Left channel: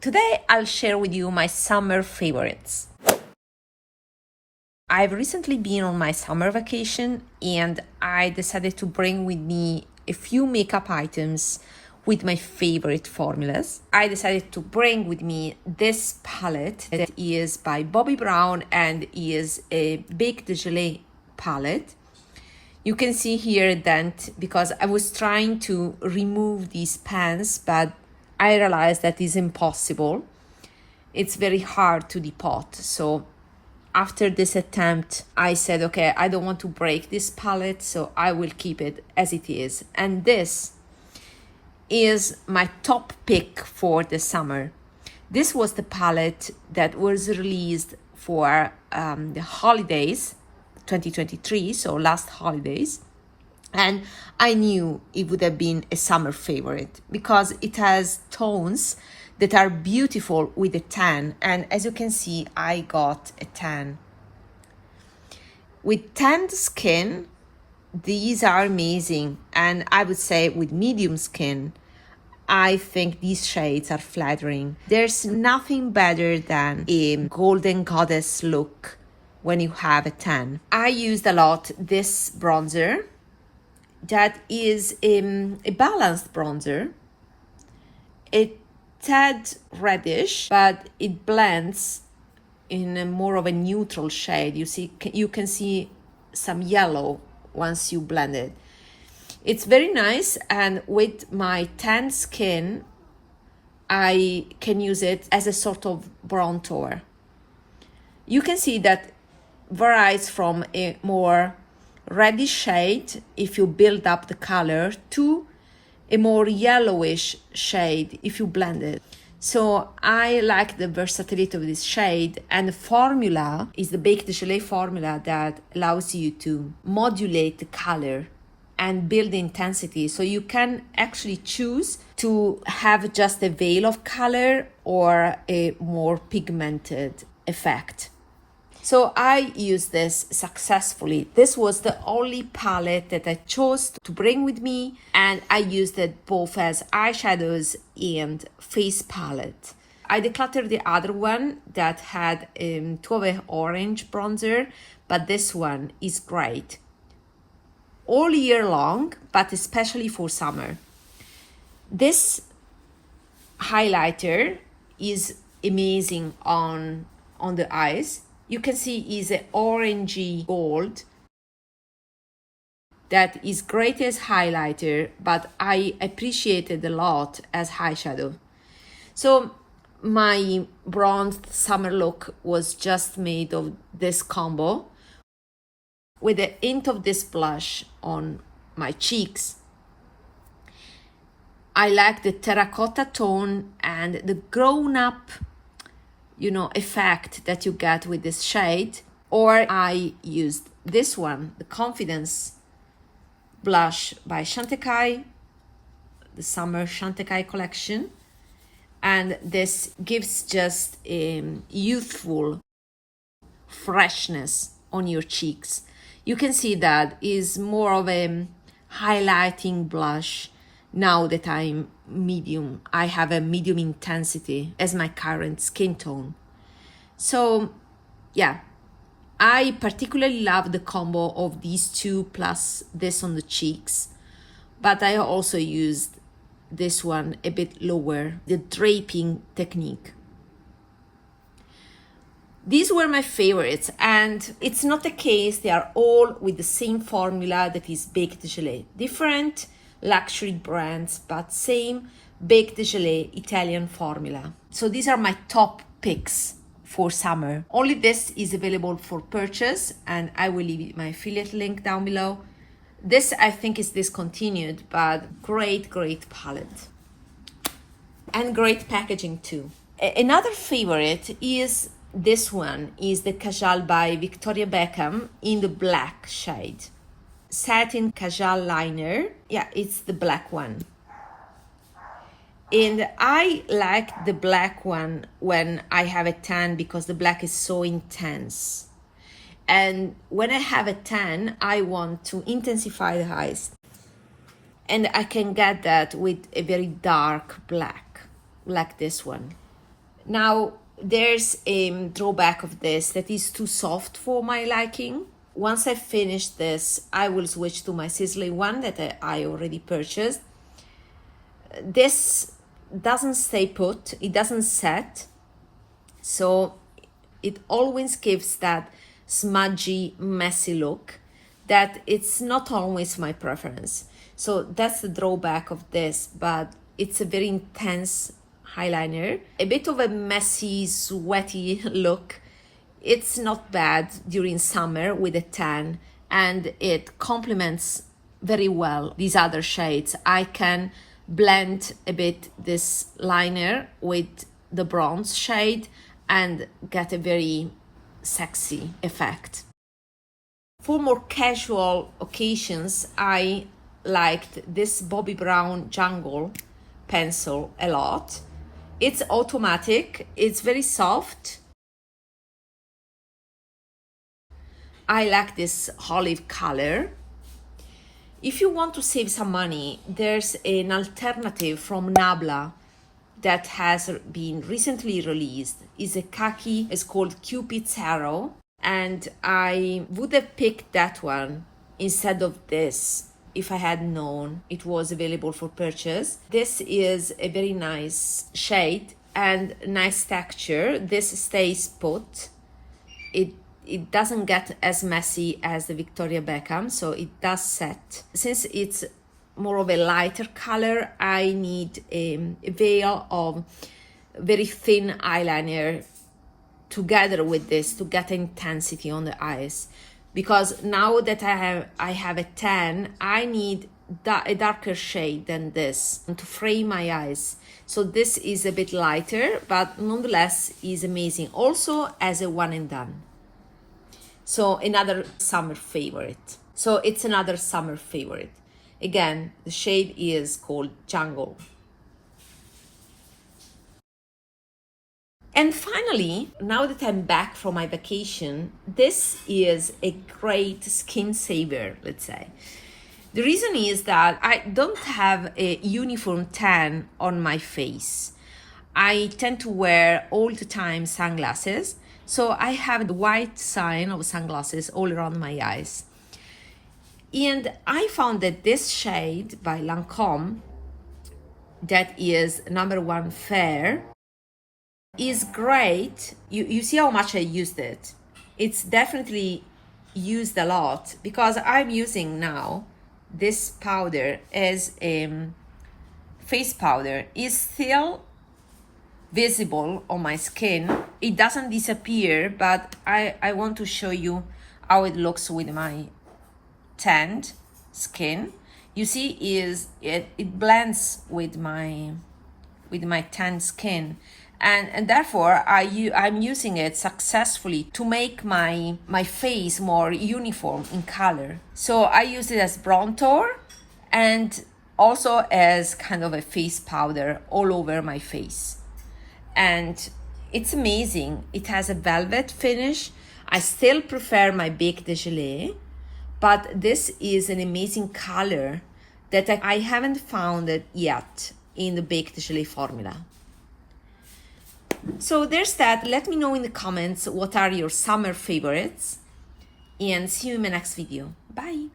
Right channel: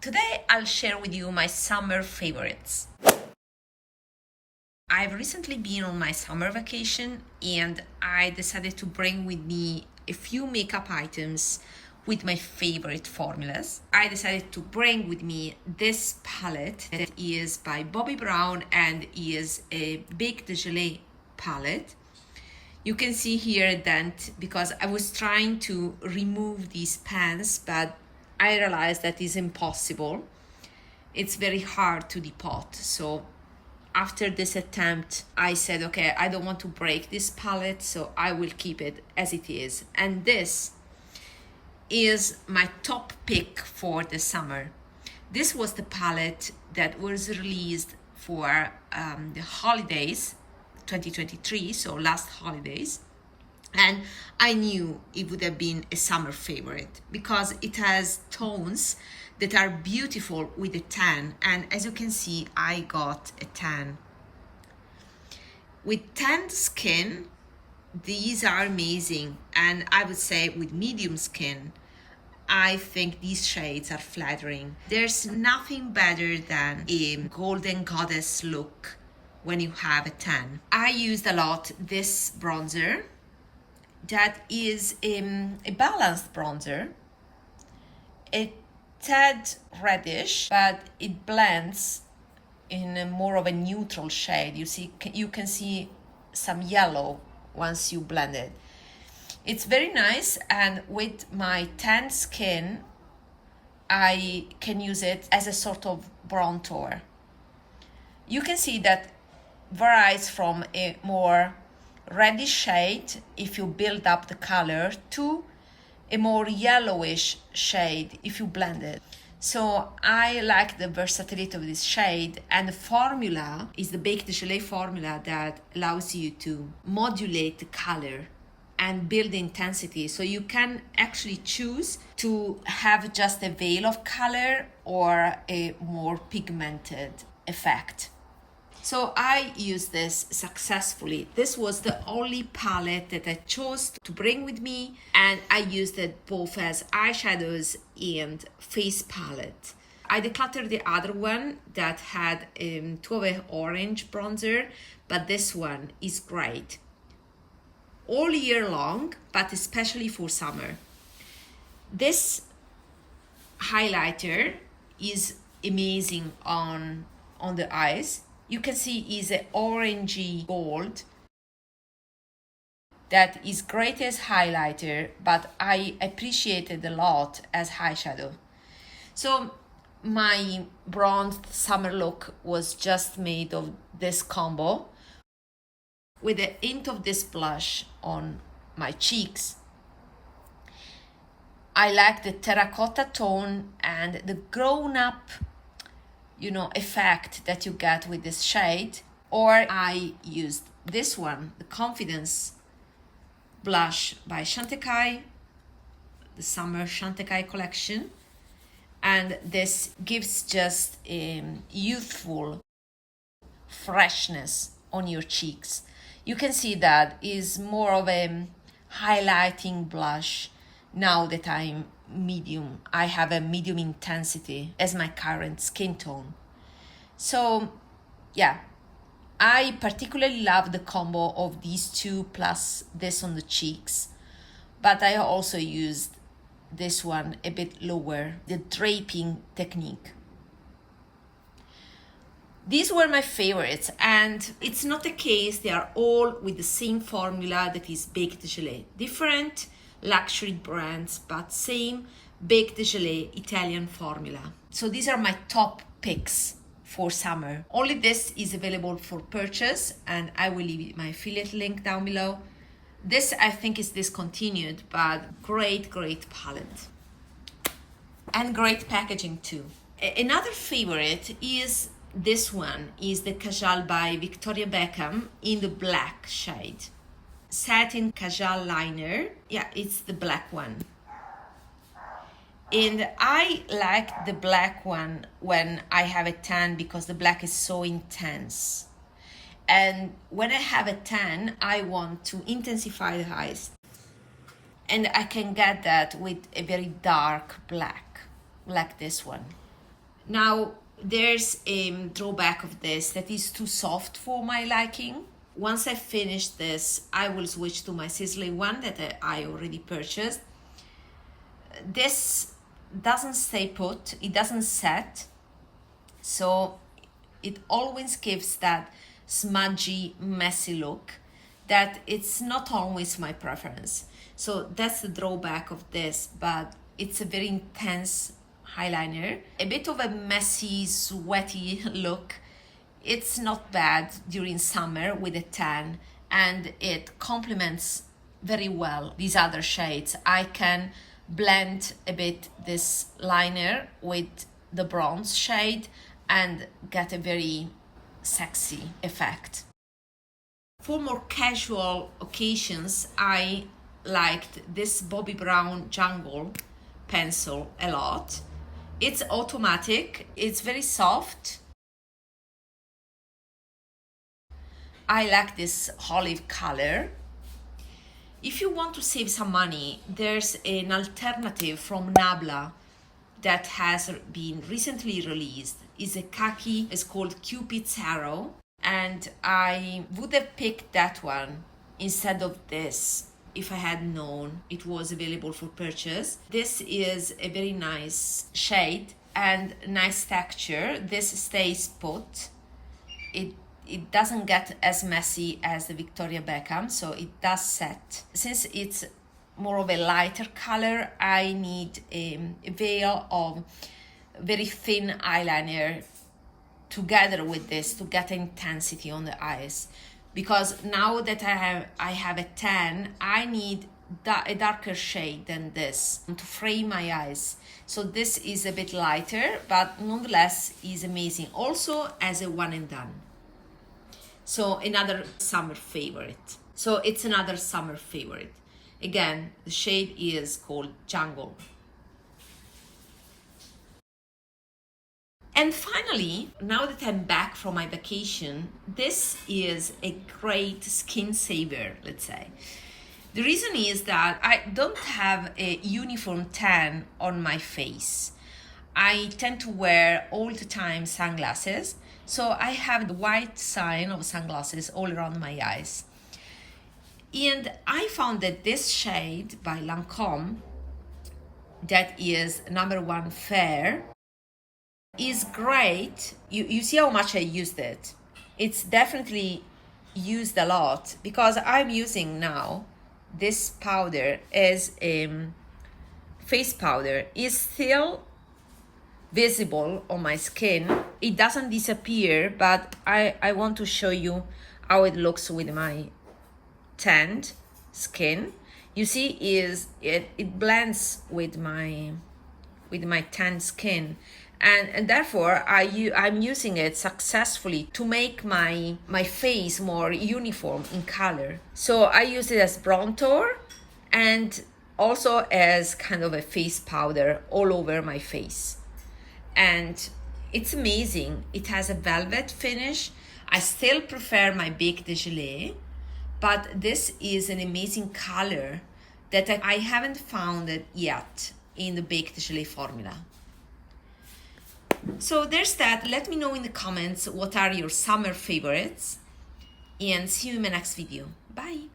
Today I'll share with you my summer favorites. I've recently been on my summer vacation and I decided to bring with me a few makeup items with my favorite formulas. I decided to bring with me this palette that is by Bobbi Brown and is a Baked de Gelée palette. You can see here that because I was trying to remove these pans, but I realized that is impossible. It's very hard to depot. So after this attempt, I said, okay, I don't want to break this palette, so I will keep it as it is. And this is my top pick for the summer. This was the palette that was released for the holidays, 2023, so last holidays. And I knew it would have been a summer favorite because it has tones that are beautiful with a tan. And as you can see, I got a tan. With tanned skin, these are amazing. And I would say with medium skin, I think these shades are flattering. There's nothing better than a golden goddess look when you have a tan. I used a lot this bronzer that is a balanced bronzer. It's tad reddish, but it blends in a more of a neutral shade. You can see some yellow once you blend it. It's very nice, and with my tan skin, I can use it as a sort of bronzer. You can see that varies from a more reddish shade if you build up the color to a more yellowish shade if you blend it. So I like the versatility of this shade, and the formula is the Baked de Gelée formula that allows you to modulate the color and build the intensity. So you can actually choose to have just a veil of color or a more pigmented effect. So I used this successfully. This was the only palette that I chose to bring with me, and I used it both as eyeshadows and face palette. I decluttered the other one that had a Taupe orange bronzer, but this one is great all year long, but especially for summer. This highlighter is amazing on the eyes. You can see is an orangey gold that is great as highlighter, but I appreciate it a lot as eyeshadow. So my bronzed summer look was just made of this combo with a hint of this blush on my cheeks. I like the terracotta tone and the grown-up effect that you get with this shade. Or I used this one, the Confidence blush by CHANTECAILLE, the summer CHANTECAILLE collection. And this gives just a youthful freshness on your cheeks. You can see that is more of a highlighting blush now that I'm medium. I have a medium intensity as my current skin tone. So yeah, I particularly love the combo of these two plus this on the cheeks, but I also used this one a bit lower, the draping technique. These were my favorites, and it's not the case they are all with the same formula that is Baked de Gelée. Different luxury brands, but same Baked de Gelée Italian formula. So these are my top picks for summer. Only this is available for purchase, and I will leave my affiliate link down below. This I think is discontinued, but great palette. And great packaging too. Another favorite is this one, is the Kajal by Victoria Beckham in the black shade. Satin Kajal liner. Yeah, it's the black one. And I like the black one when I have a tan because the black is so intense. And when I have a tan, I want to intensify the eyes. And I can get that with a very dark black, like this one. Now, there's a drawback of this that is too soft for my liking. Once I finish this, I will switch to my sizzling one that I already purchased. This doesn't stay put, it doesn't set, so it always gives that smudgy, messy look that it's not always my preference. So that's the drawback of this, but it's a very intense eyeliner. A bit of a messy, sweaty look. It's not bad during summer with a tan, and it complements very well these other shades. I can blend a bit this liner with the bronze shade and get a very sexy effect. For more casual occasions, I liked this Bobbi Brown Jungle pencil a lot. It's automatic, it's very soft. I like this olive color. If you want to save some money, there's an alternative from Nabla that has been recently released. It's a khaki, it's called Cupid's Arrow, and I would have picked that one instead of this if I had known it was available for purchase. This is a very nice shade and nice texture. This stays put. It doesn't get as messy as the Victoria Beckham, so it does set. Since it's more of a lighter color, I need a veil of very thin eyeliner together with this to get intensity on the eyes. Because now that I have a tan, I need a darker shade than this to frame my eyes. So this is a bit lighter, but nonetheless is amazing. Also as a one and done. So another summer favorite. So it's another summer favorite. Again, the shade is called Jungle. And finally, now that I'm back from my vacation, this is a great skin saver, let's say. The reason is that I don't have a uniform tan on my face. I tend to wear all the time sunglasses, so I have the white sign of sunglasses all around my eyes. And I found that this shade by Lancome, that is number 1 Fair, is great. You see how much I used it. It's definitely used a lot because I'm using now this powder as a face powder. It's still visible on my skin. It doesn't disappear, but I want to show you how it looks with my tanned skin. You see, it blends with my tanned skin, and therefore I'm using it successfully to make my face more uniform in color. So I use it as bronzer and also as kind of a face powder all over my face. And it's amazing. It has a velvet finish. I still prefer my Bec de Gelée, but this is an amazing color that I haven't found it yet in the Bec de Gelée formula. So there's that. Let me know in the comments what are your summer favorites, and see you in my next video. Bye.